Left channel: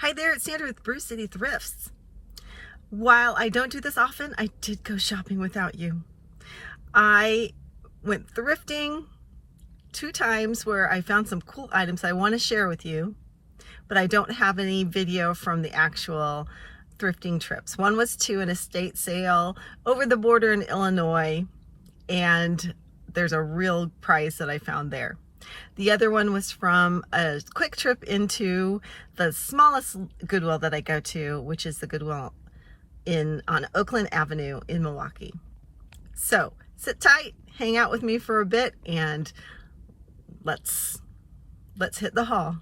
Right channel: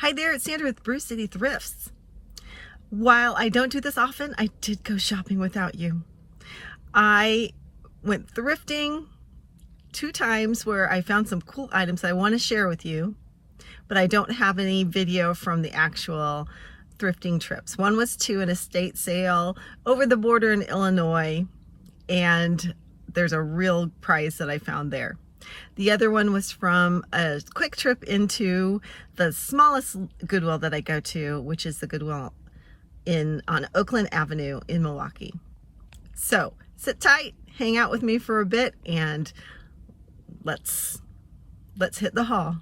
Hi there, it's Sandra with Brew City Thrifts. While I don't do this often, I did go shopping without you. I went thrifting 2 times where I found some cool items I want to share with you, but I don't have any video from the actual thrifting trips. One was to an estate sale over the border in Illinois, and there's a real prize that I found there. The other one was from a quick trip into the smallest Goodwill that I go to, which is the Goodwill on Oakland Avenue in Milwaukee. So sit tight, hang out with me for a bit, and let's hit the haul.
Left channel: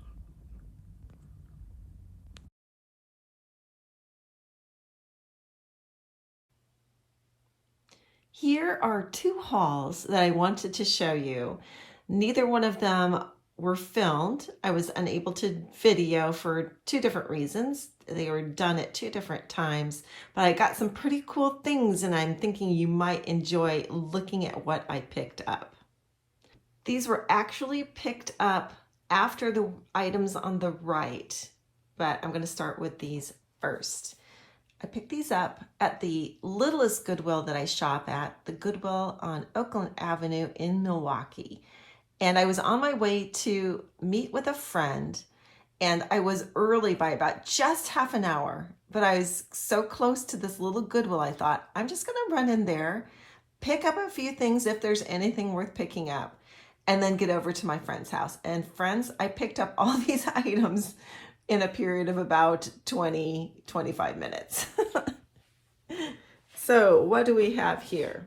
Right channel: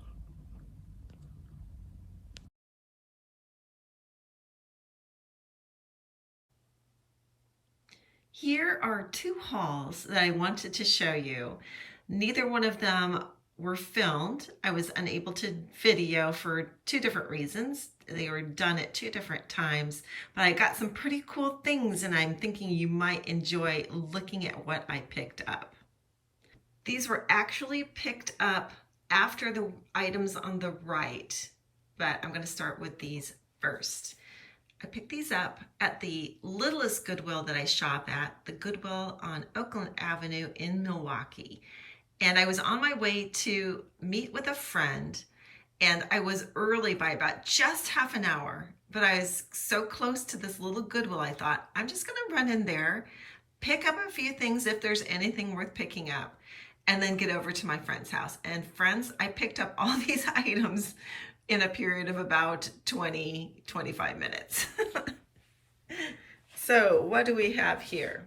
Here are 2 hauls that I wanted to show you. Neither one of them were filmed. I was unable to video for 2 different reasons. They were done at 2 different times, but I got some pretty cool things, and I'm thinking you might enjoy looking at what I picked up. These were actually picked up after the items on the right, but I'm going to start with these first. I picked these up at the littlest Goodwill that I shop at, the Goodwill on Oakland Avenue in Milwaukee. And I was on my way to meet with a friend, and I was early by about just half an hour, but I was so close to this little Goodwill, I thought, I'm just gonna run in there, pick up a few things if there's anything worth picking up, and then get over to my friend's house. And friends, I picked up all these items in a period of about 20-25 minutes. So what do we have here?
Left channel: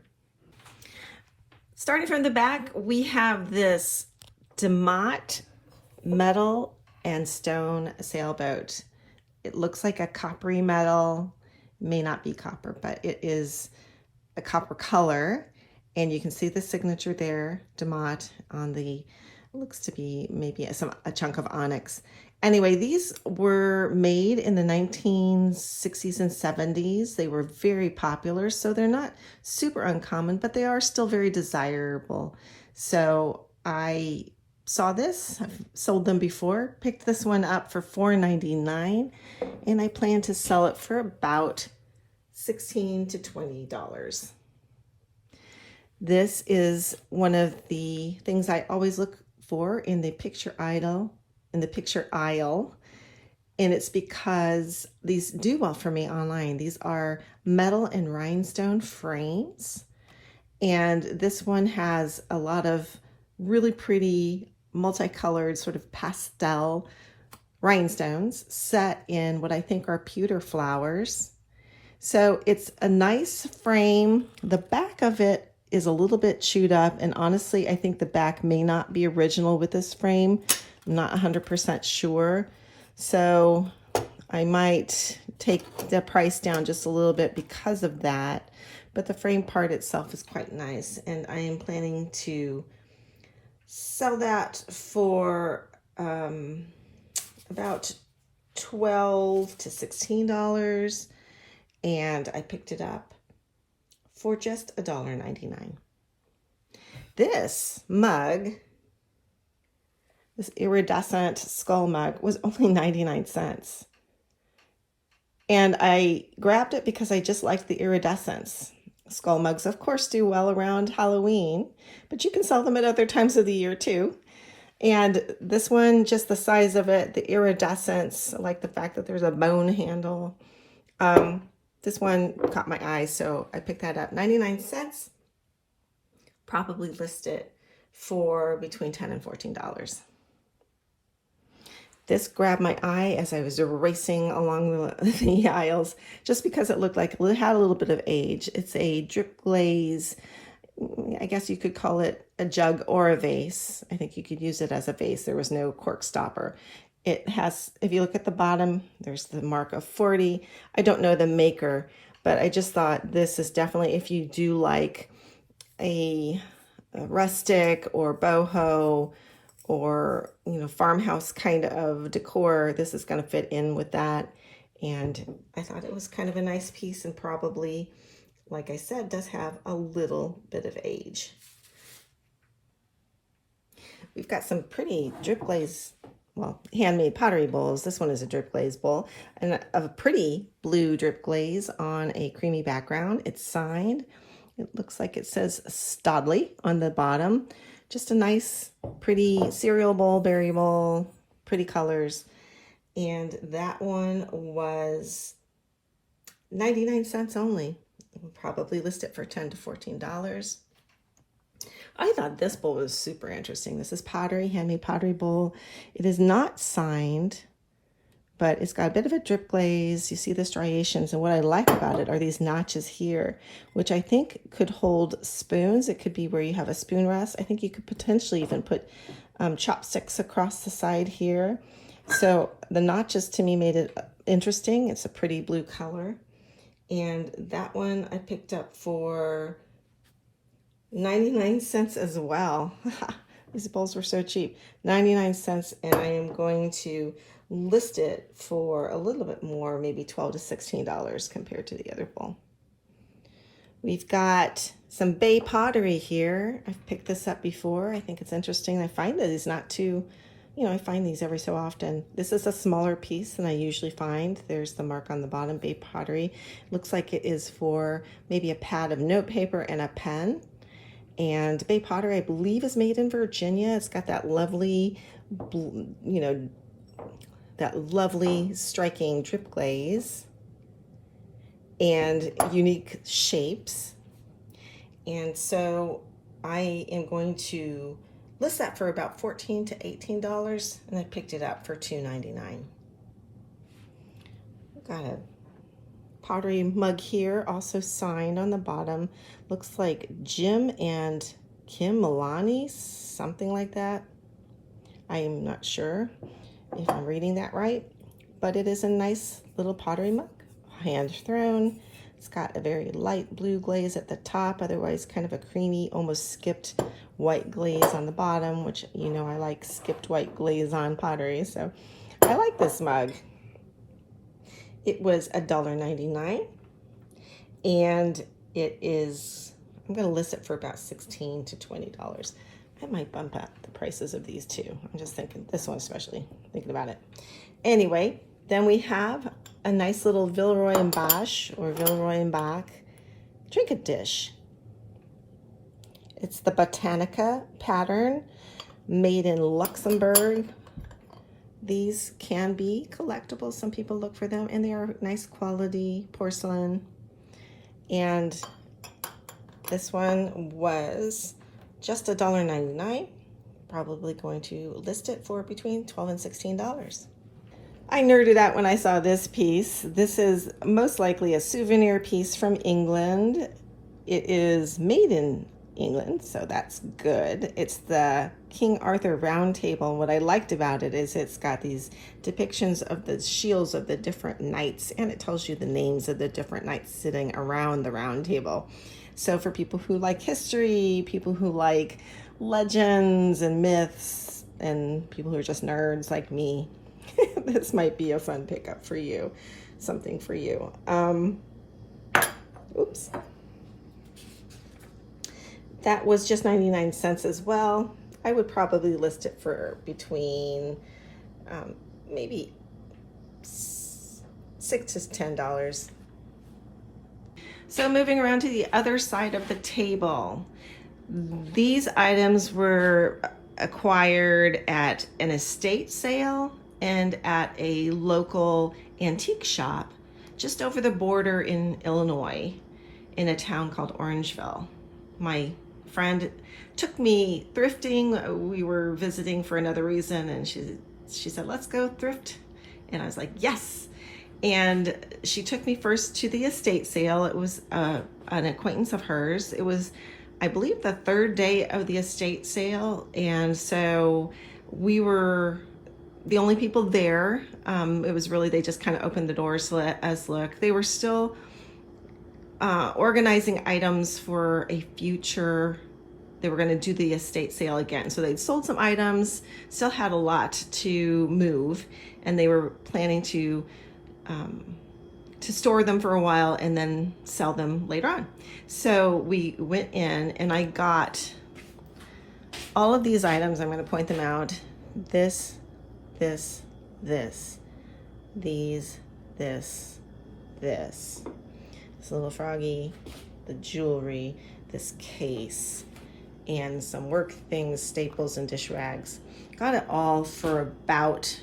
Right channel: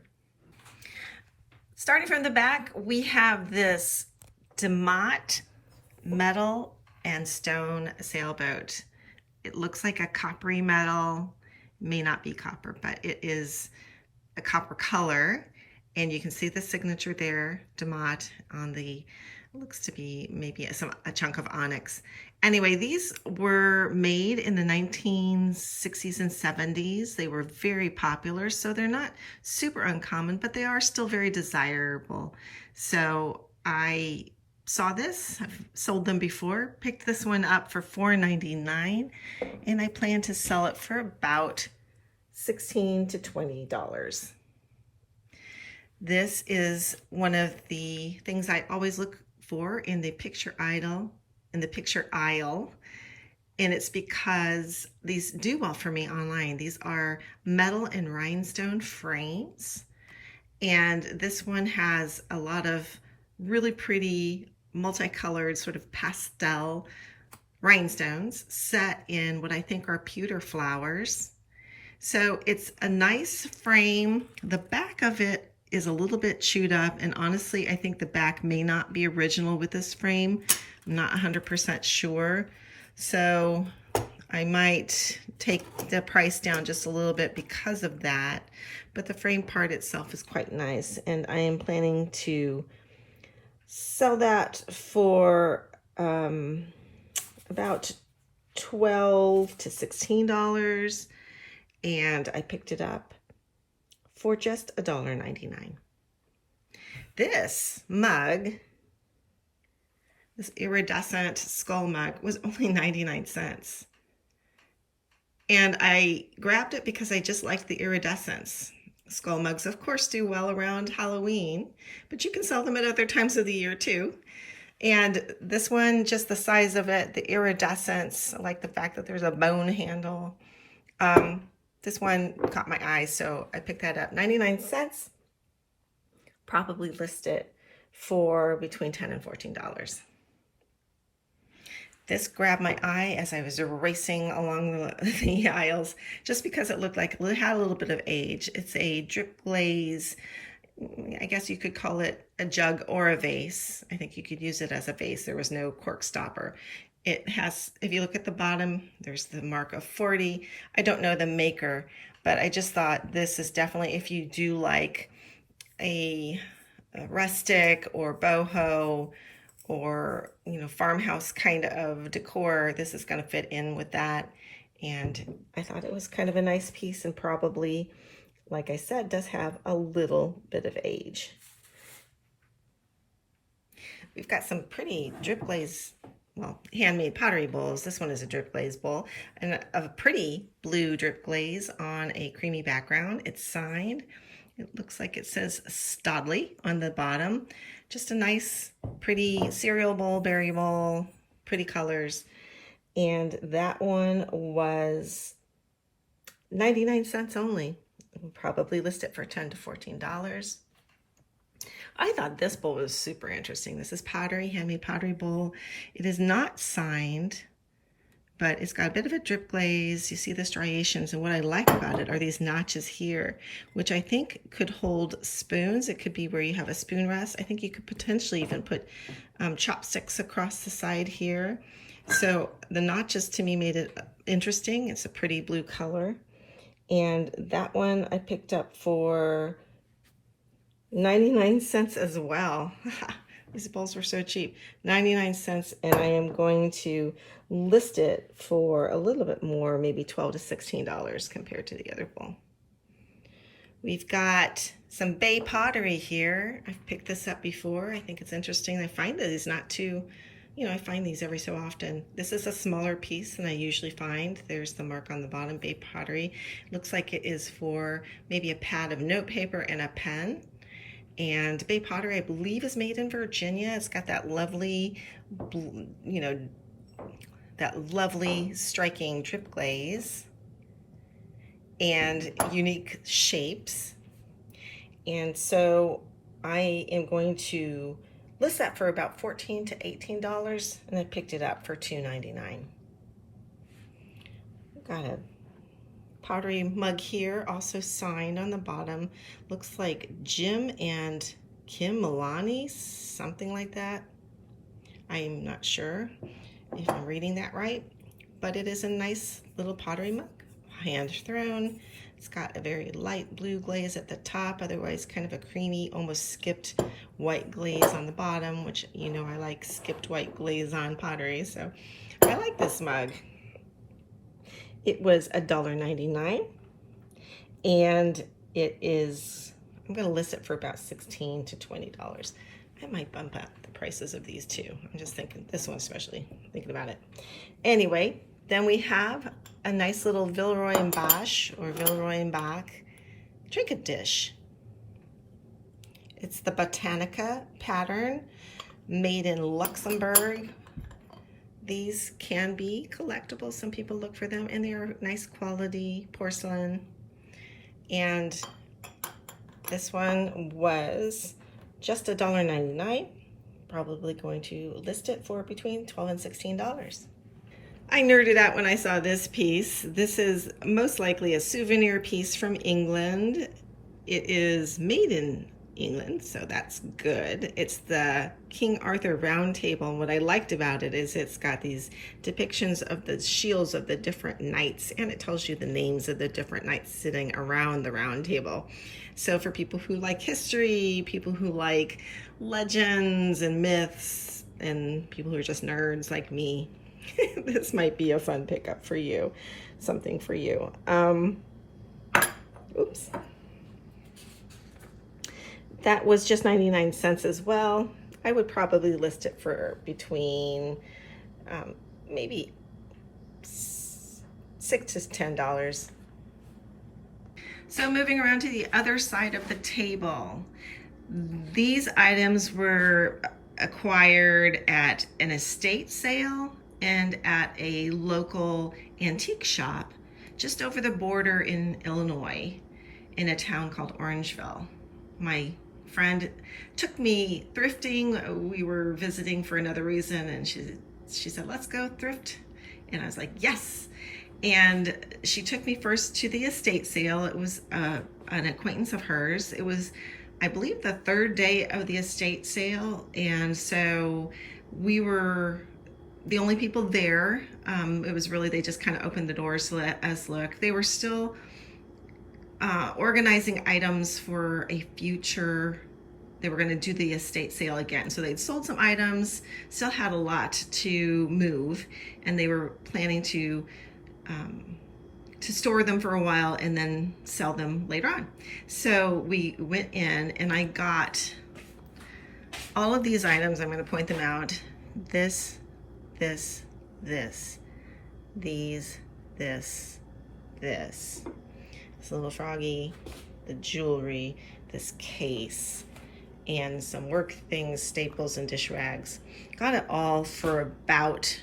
Starting from the back, we have this jaunt metal and stone sailboat. It looks like a coppery metal, may not be copper, but it is a copper color. And you can see the signature there, jaunt, on the, looks to be maybe a chunk of onyx. Anyway, these were made in the 1960s and 70s. They were very popular, so they're not super uncommon, but they are still very desirable. So I saw this, I've sold them before, picked this one up for $4.99, and I plan to sell it for about $16 to $20. This is one of the things I always look for in the picture aisle, and it's because these do well for me online. These are metal and rhinestone frames, and this one has a lot of really pretty multicolored sort of pastel rhinestones set in what I think are pewter flowers. So it's a nice frame. The back of it is a little bit chewed up, and honestly, I think the back may not be original with this frame. I'm not 100% sure. So I might take the price down just a little bit because of that. But the frame part itself is quite nice, and I am planning to sell that for about $12 to $16, and I picked it up for just $1.99. This mug, this iridescent skull mug, was only 99 cents. And I grabbed it because I just like the iridescence. Skull mugs, of course, do well around Halloween, but you can sell them at other times of the year too. And this one, just the size of it, the iridescence, I like the fact that there's a bone handle. This one caught my eye, so I picked that up. 99 cents, probably list it for between $10 and $14. This grabbed my eye as I was racing along the aisles, just because it looked like it had a little bit of age. It's a drip glaze, I guess you could call it a jug or a vase. I think you could use it as a vase. There was no cork stopper. It has, if you look at the bottom, there's the mark of 40. I don't know the maker, but I just thought this is definitely, if you do like a rustic or boho or, you know, farmhouse kind of decor, this is going to fit in with that. And I thought it was kind of a nice piece, and probably, like I said, does have a little bit of age. We've got some pretty drip glaze well, handmade pottery bowls. This one is a drip glaze bowl, and a pretty blue drip glaze on a creamy background. It's signed. It looks like it says Stodley on the bottom. Just a nice, pretty cereal bowl, berry bowl, pretty colors. And that one was 99 cents only. We'll probably list it for $10 to $14. I thought this bowl was super interesting. This is pottery, handmade pottery bowl. It is not signed, but it's got a bit of a drip glaze. You see the striations, and what I like about it are these notches here, which I think could hold spoons. It could be where you have a spoon rest. I think you could potentially even put chopsticks across the side here. So the notches to me made it interesting. It's a pretty blue color. And that one I picked up for 99 cents as well. These bowls were so cheap. 99 cents, and I am going to list it for a little bit more, maybe $12 to $16 compared to the other bowl. We've got some Bay pottery here. I've picked this up before. I think it's interesting. I find that it's not too, I find these every so often. This is a smaller piece than I usually find. There's the mark on the bottom, Bay pottery. Looks like it is for maybe a pad of notepaper and a pen. And Bay pottery, I believe, is made in Virginia. It's got that lovely, that lovely striking drip glaze and unique shapes. And so I am going to list that for about $14 to $18, and I picked it up for $2.99. Got a pottery mug here, also signed on the bottom. Looks like Jim and Kim Milani, something like that. I am not sure if I'm reading that right, but it is a nice little pottery mug, hand thrown. It's got a very light blue glaze at the top, otherwise kind of a creamy, almost skipped white glaze on the bottom, which I like skipped white glaze on pottery, so I like this mug. It was $1.99, and it is, I'm going to list it for about $16 to $20. I might bump up the prices of these too. I'm just thinking, this one especially, thinking about it. Anyway, then we have a nice little Villeroy and Bosch or Villeroy and Bach trinket dish. It's the Botanica pattern, made in Luxembourg. These can be collectible. Some people look for them, and they are nice quality porcelain. And this one was just $1.99. Probably going to list it for between $12 and $16. I nerded out when I saw this piece. This is most likely a souvenir piece from England. It is made in England, so that's good. It's the King Arthur Round Table, and what I liked about it is it's got these depictions of the shields of the different knights, and it tells you the names of the different knights sitting around the round table. So for people who like history, people who like legends and myths, and people who are just nerds like me, this might be a fun pickup for you, something for you. Oops. That was just 99 cents as well. I would probably list it for between maybe $6 to $10. So moving around to the other side of the table, these items were acquired at an estate sale and at a local antique shop just over the border in Illinois in a town called Orangeville. My friend took me thrifting. We were visiting for another reason, and she said, let's go thrift. And I was like, yes. And she took me first to the estate sale. It was an acquaintance of hers. It was, I believe, the third day of the estate sale. And so we were the only people there. It was really, they just kind of opened the doors to let us look. They were still organizing items for a future, they were going to do the estate sale again. So they'd sold some items, still had a lot to move, and they were planning to store them for a while and then sell them later on. So we went in and I got all of these items. I'm going to point them out. This this, this, these, this, this little froggy, the jewelry, this case, and some work things, staples, and dish rags. Got it all for about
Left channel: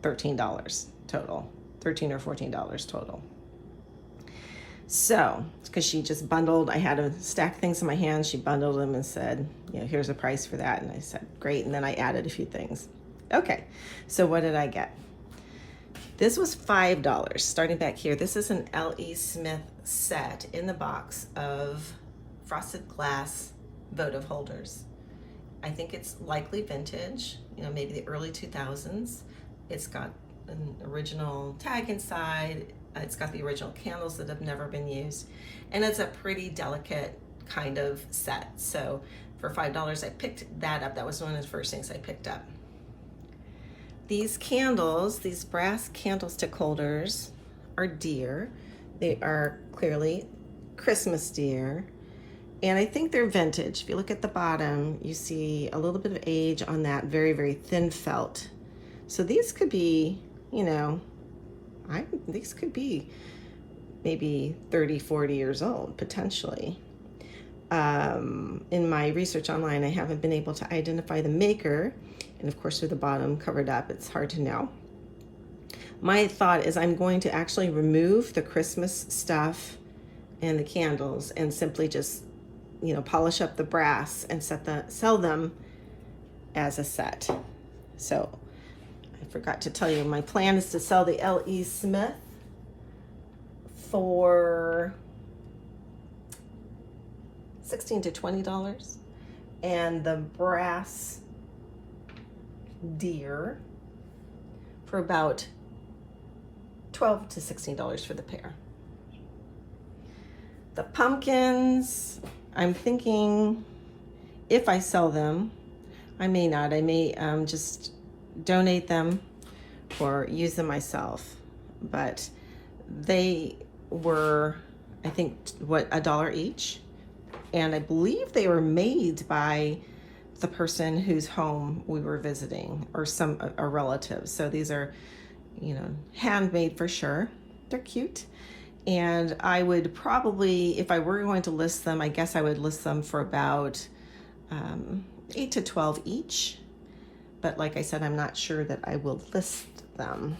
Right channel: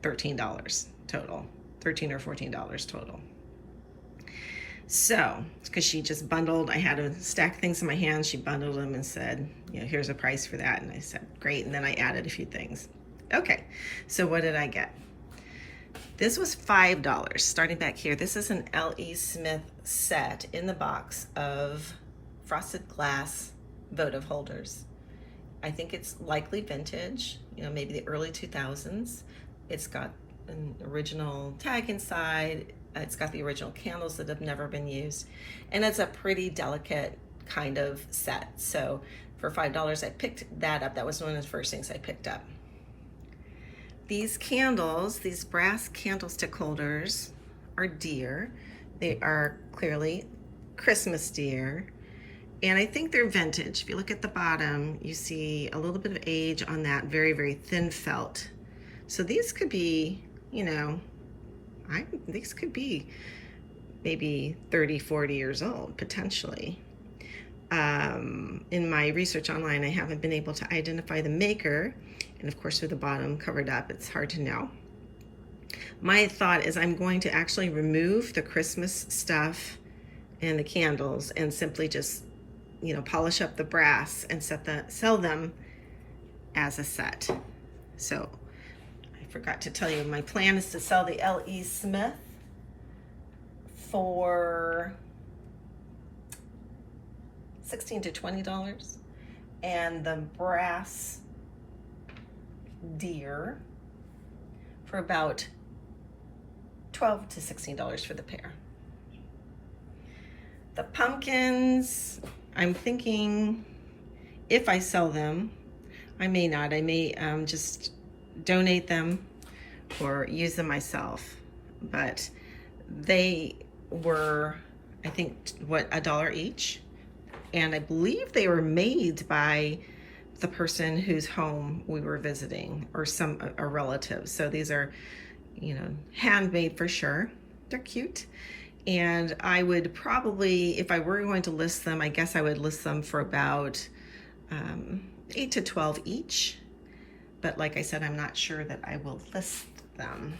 $13 total, $13 or $14 total. So, because she just bundled, I had to stack things in my hands, she bundled them and said, you know, here's a price for that. And I said, great. And then I added a few things. Okay, so what did I get? This was $5, starting back here. This is an L.E. Smith set in the box of frosted glass votive holders. I think it's likely vintage, you know, maybe the early 2000s. It's got an original tag inside. It's got the original candles that have never been used. And it's a pretty delicate kind of set. So for $5, I picked that up. That was one of the first things I picked up. These candles, these brass candlestick holders are dear. They are clearly Christmas dear. And I think they're vintage. If you look at the bottom, you see a little bit of age on that very, very thin felt. So these could be, you know, these could be maybe 30, 40 years old, potentially. In my research online, I haven't been able to identify the maker. And of course, with the bottom covered up, it's hard to know. My thought is I'm going to actually remove the Christmas stuff and the candles and simply just, you know, polish up the brass and sell them as a set. So I forgot to tell you, my plan is to sell the L.E. Smith for $16 to $20, and the brass deer for about $12 to $16 for the pair. The pumpkins, I'm thinking if I sell them, I may not. I may just donate them or use them myself. But they were, I think, what, $1 each? And I believe they were made by the person whose home we were visiting, or a relative. So these are, you know, handmade for sure. They're cute. And I would probably, if I were going to list them, I guess I would list them for about 8 to 12 each. But like I said, I'm not sure that I will list them.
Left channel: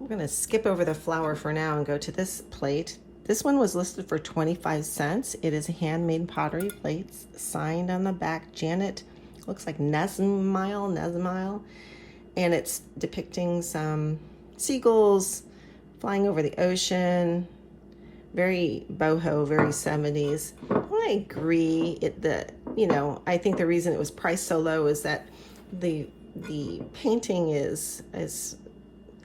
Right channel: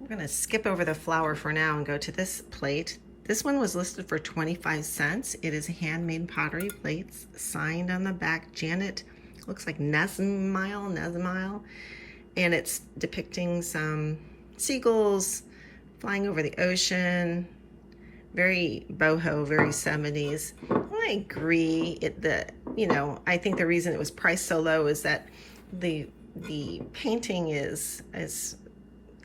I'm gonna skip over the flower for now and go to this plate. This one was listed for 25 cents. It is handmade pottery plates, signed on the back, Janet, looks like Nesmile, and it's depicting some seagulls flying over the ocean. Very boho, very 70s. I agree. I think the reason it was priced so low is that the painting is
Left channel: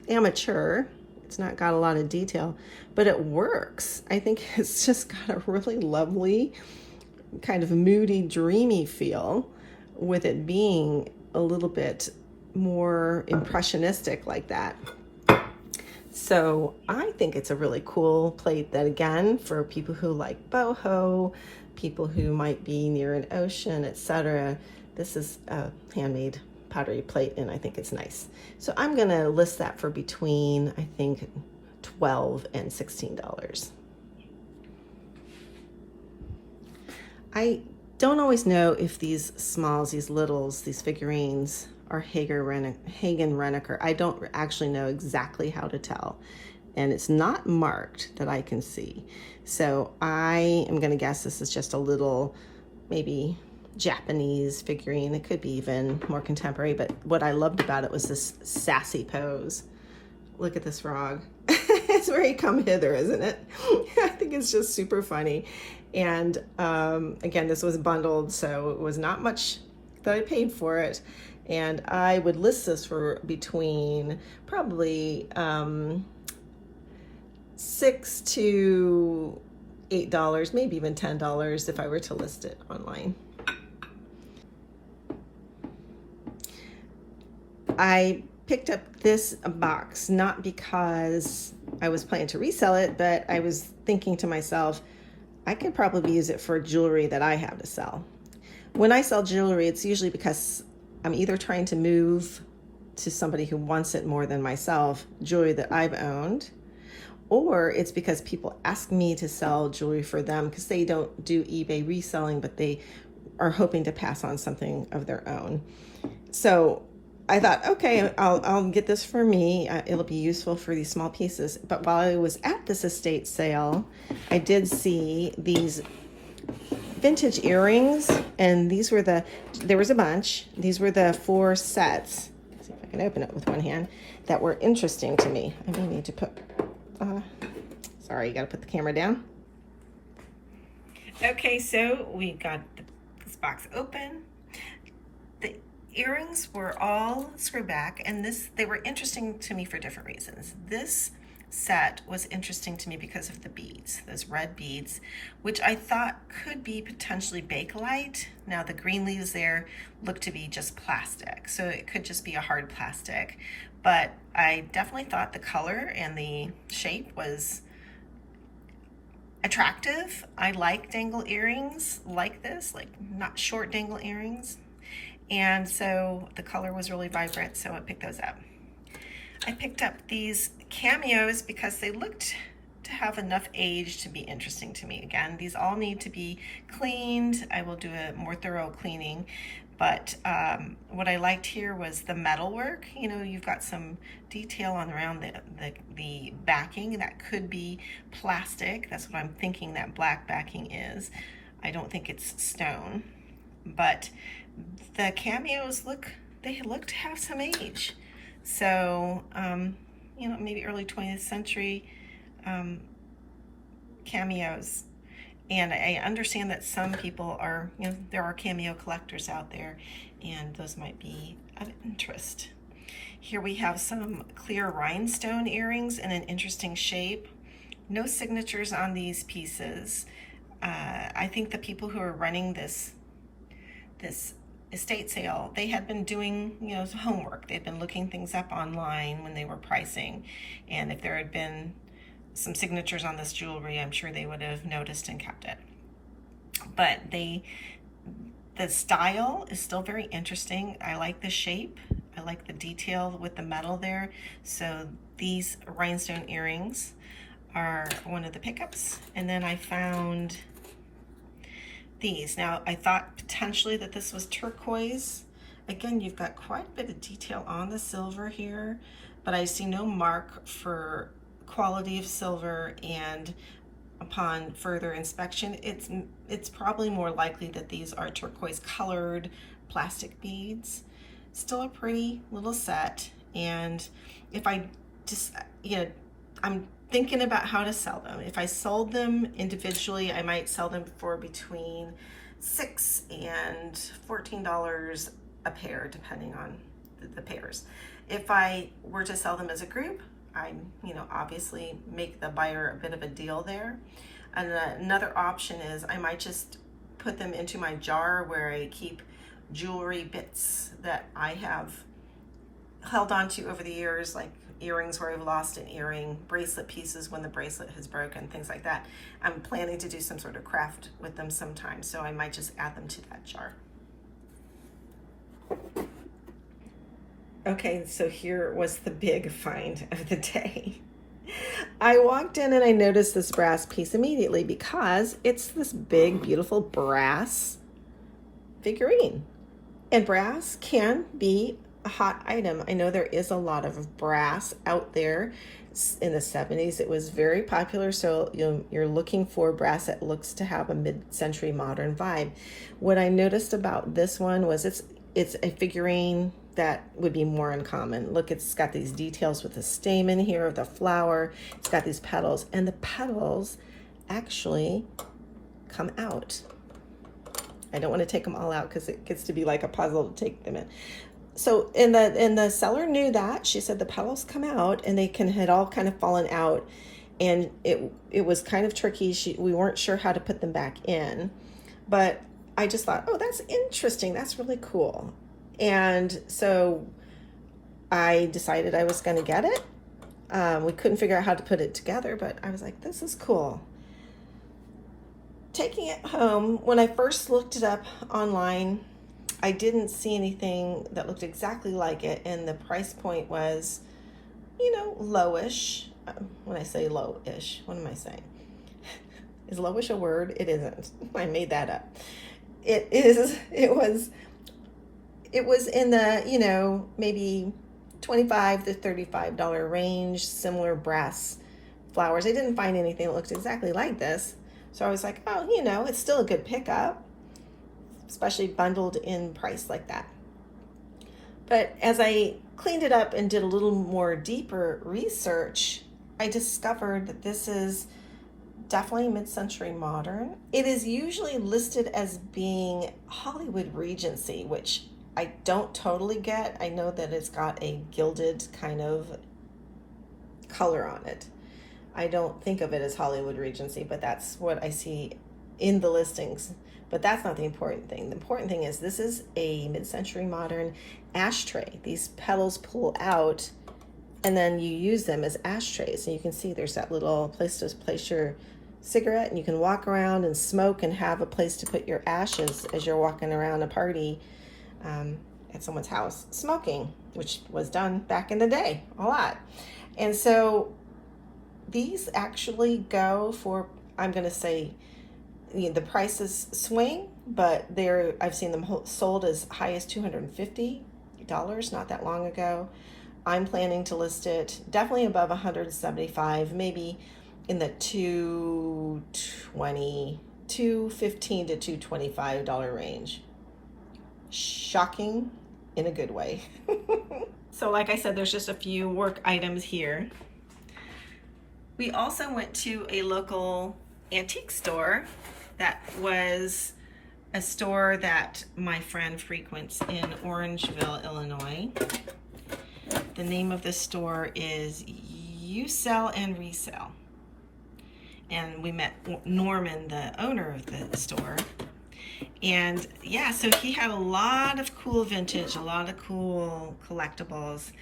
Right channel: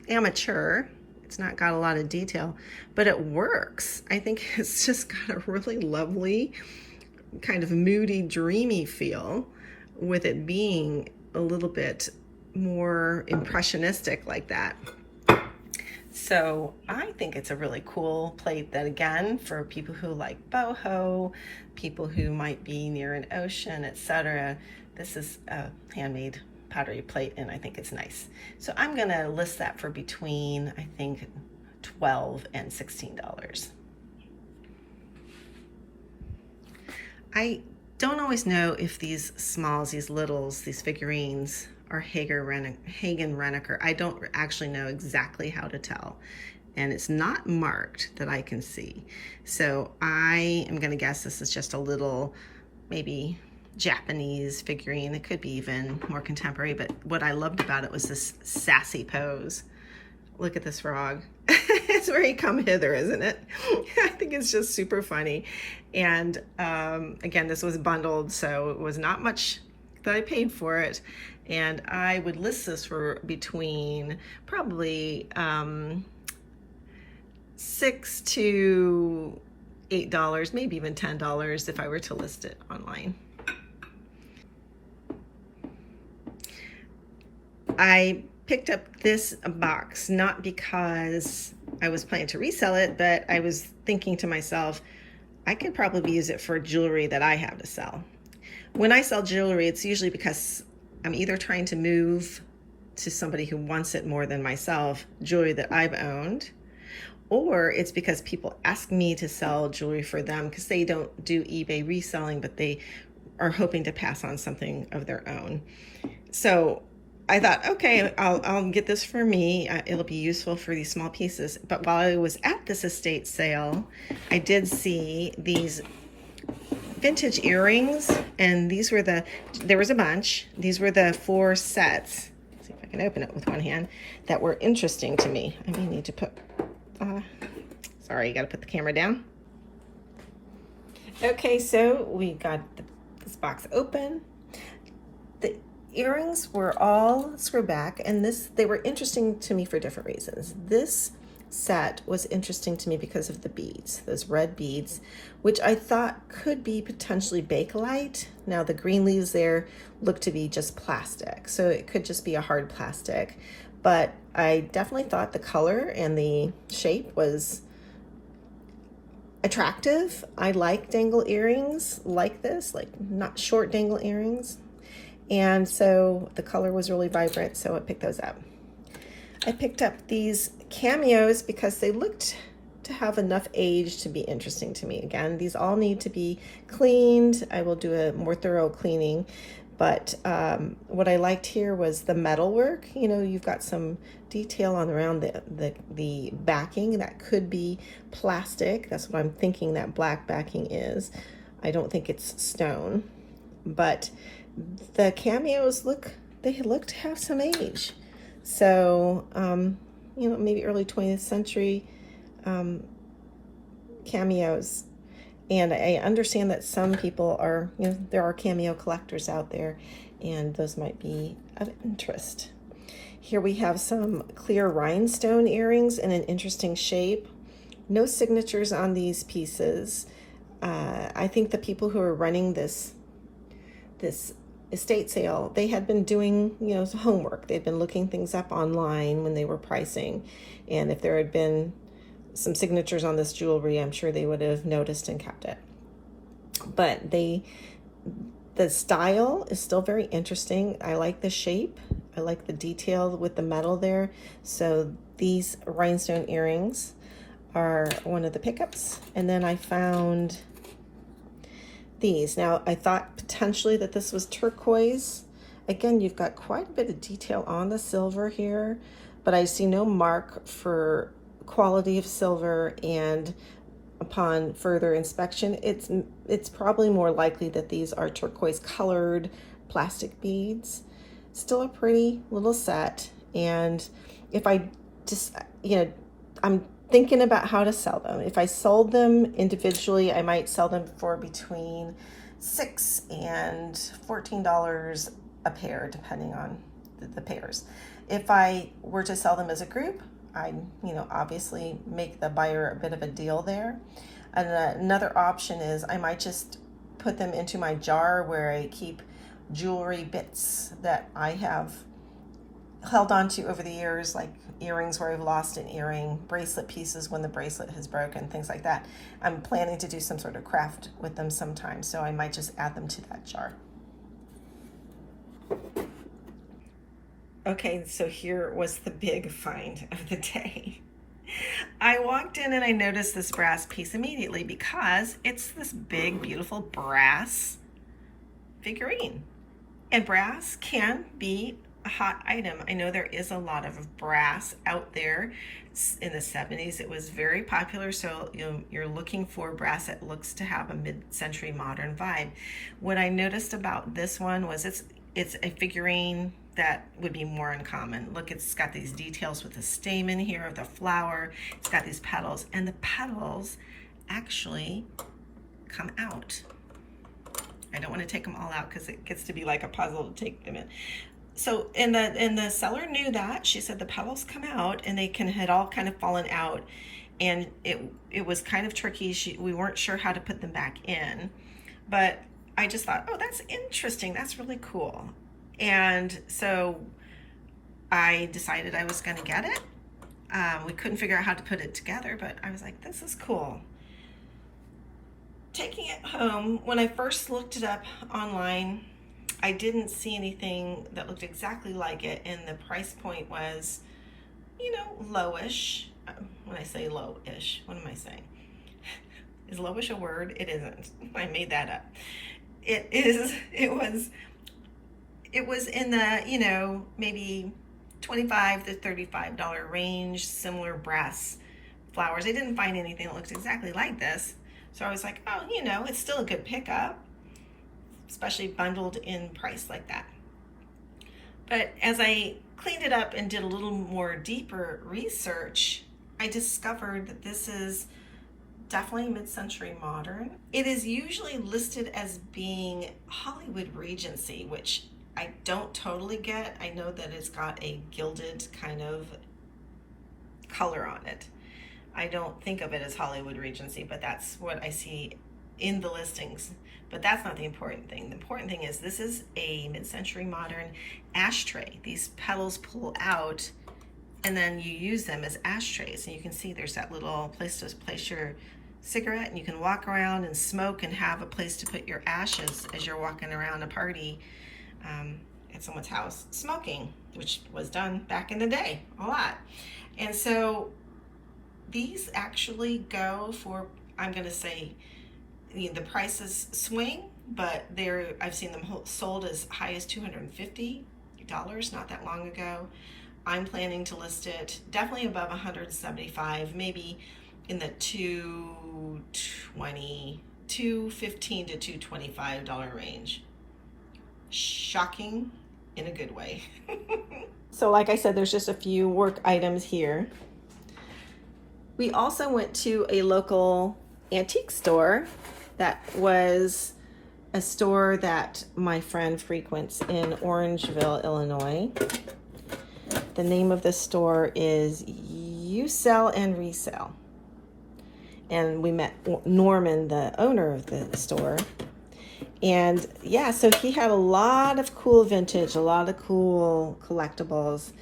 amateur. It's not got a lot of detail, but it works. I think it's just got a really lovely kind of moody, dreamy feel with it being a little bit more impressionistic like that. So I think it's a really cool plate that, again, for people who like boho, people who might be near an ocean, etc. This is a handmade pottery plate, and I think it's nice. So I'm gonna list that for between, I think, $12 and $16. I don't always know if these smalls, these littles, these figurines are Hagen Renneker. I don't actually know exactly how to tell, and it's not marked that I can see. So I am gonna guess this is just a little, maybe Japanese figurine. It could be even more contemporary, but what I loved about it was this sassy pose. Look at this frog. It's very come hither, isn't it? I think it's just super funny. And again, this was bundled, so it was not much that I paid for it. And I would list this for between probably $6 to $8, maybe even $10 if I were to list it online. I picked up this box not because I was planning to resell it, but I was thinking to myself, I could probably use it for jewelry that I have to sell. When I sell jewelry, it's usually because I'm either trying to move to somebody who wants it more than myself, jewelry that I've owned, or it's because people ask me to sell jewelry for them because they don't do eBay reselling, but they are hoping to pass on something of their own. So I thought, okay, I'll get this for me. It'll be useful for these small pieces. But while I was at this estate sale, I did see these vintage earrings, and there was a bunch. These were the 4 sets. Let's see if I can open it with one hand, that were interesting to me. I may need to put, sorry, you gotta put the camera down. Okay, so we got this box open. The earrings were all screw back, and they were interesting to me for different reasons. This set was interesting to me because of the beads, those red beads, which I thought could be potentially Bakelite. Now the green leaves there look to be just plastic, so it could just be a hard plastic, but I definitely thought the color and the shape was attractive. I like dangle earrings like this, like not short dangle earrings. And so the color was really vibrant, so I picked those up. I picked up these cameos because they looked to have enough age to be interesting to me. Again, these all need to be cleaned. I will do a more thorough cleaning, but what I liked here was the metal work. You know, you've got some detail on around the backing that could be plastic. That's what I'm thinking that black backing is. I don't think it's stone, but the cameos look to have some age. So, you know, maybe early 20th century cameos. And I understand that some people are, you know, there are cameo collectors out there, and those might be of interest. Here we have some clear rhinestone earrings in an interesting shape. No signatures on these pieces. I think the people who are running this estate sale, they had been doing, you know, homework. They'd been looking things up online when they were pricing, and if there had been some signatures on this jewelry, I'm sure they would have noticed and kept it. But the style is still very interesting. I like the shape. I like the detail with the metal there. So these rhinestone earrings are one of the pickups. And then I found these. Now, I thought potentially that this was turquoise. Again, you've got quite a bit of detail on the silver here, but I see no mark for quality of silver, and upon further inspection, it's probably more likely that these are turquoise colored plastic beads. Still a pretty little set, and if I just, you know, I'm thinking about how to sell them. If I sold them individually, I might sell them for between $6 and $14 a pair, depending on the pairs. If I were to sell them as a group, I'd, you know, obviously make the buyer a bit of a deal there. And another option is I might just put them into my jar where I keep jewelry bits that I have held on to over the years, like earrings where I've lost an earring, bracelet pieces when the bracelet has broken, things like that. I'm planning to do some sort of craft with them sometime, so I might just add them to that jar. Okay, so here was the big find of the day. I walked in and I noticed this brass piece immediately because it's this big, beautiful brass figurine. And brass can be a hot item. I know there is a lot of brass out there. In the 70s, it was very popular, so you're looking for brass that looks to have a mid-century modern vibe. What I noticed about this one was it's a figurine that would be more uncommon. Look, it's got these details with the stamen here of the flower. It's got these petals, and the petals actually come out. I don't want to take them all out because it gets to be like a puzzle to take them in. So, and the seller knew that. She said the petals come out and they had all kind of fallen out, and it was kind of tricky. We weren't sure how to put them back in, but I just thought, oh, that's interesting. That's really cool. And so I decided I was going to get it. We couldn't figure out how to put it together, but I was like, this is cool. Taking it home, when I first looked it up online, I didn't see anything that looked exactly like it, and the price point was, you know, lowish. When I say lowish, what am I saying? Is lowish a word? It isn't. I made that up. It is. It was in the, you know, maybe $25 to $35 range, similar brass flowers. I didn't find anything that looked exactly like this. So I was like, oh, you know, it's still a good pickup, especially bundled in price like that. But as I cleaned it up and did a little more deeper research, I discovered that this is definitely mid-century modern. It is usually listed as being Hollywood Regency, which I don't totally get. I know that it's got a gilded kind of color on it. I don't think of it as Hollywood Regency, but that's what I see in the listings. But that's not the important thing. The important thing is this is a mid-century modern ashtray. These petals pull out and then you use them as ashtrays. And you can see there's that little place to place your cigarette, and you can walk around and smoke and have a place to put your ashes as you're walking around a party at someone's house smoking, which was done back in the day a lot. And so these actually go for, I'm going to say, you know, the prices swing, but I've seen them sold as high as $250 not that long ago. I'm planning to list it definitely above $175, maybe in the $215 to $225 range. Shocking in a good way. So like I said, there's just a few work items here. We also went to a local antique store that was a store that my friend frequents in Orangeville, Illinois. The name of the store is You Sell and Resell. And we met Norman, the owner of the store. And yeah, so he had a lot of cool vintage, a lot of cool collectibles.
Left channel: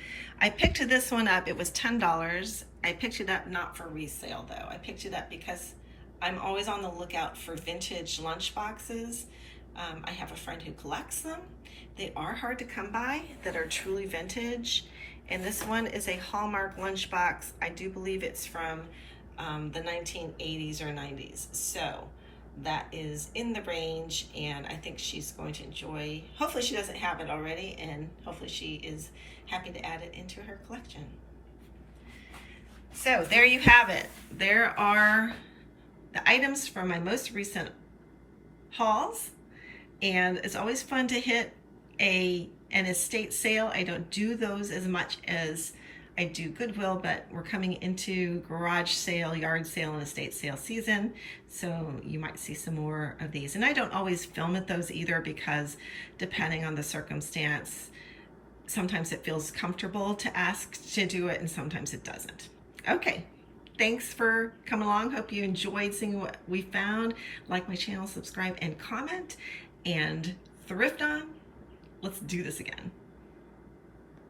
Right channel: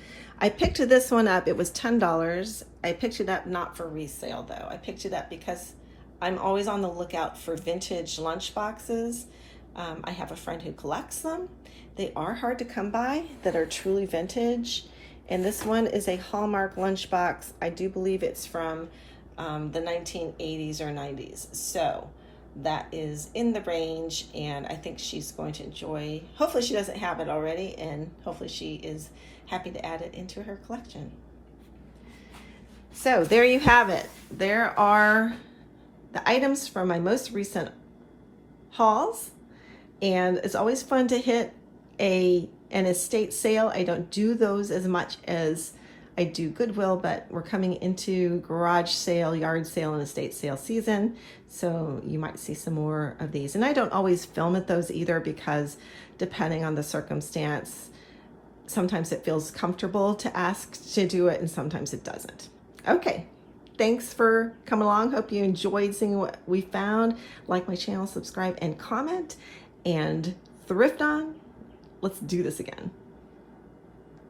I picked this one up. It was $10. I picked it up not for resale though. I picked it up because I'm always on the lookout for vintage lunch boxes. I have a friend who collects them. They are hard to come by that are truly vintage. And this one is a Hallmark lunchbox. I do believe it's from the 1980s or 90s. So that is in the range, and I think she's going to enjoy. Hopefully she doesn't have it already, and hopefully she is happy to add it into her collection. So there you have it. There are the items from my most recent hauls, and it's always fun to hit an estate sale. I don't do those as much as I do Goodwill, but we're coming into garage sale, yard sale, and estate sale season, so you might see some more of these. And I don't always film at those either, because depending on the circumstance, sometimes it feels comfortable to ask to do it and sometimes it doesn't. Okay, thanks for coming along. Hope you enjoyed seeing what we found. Like my channel, subscribe, and comment, and thrift on. Let's do this again.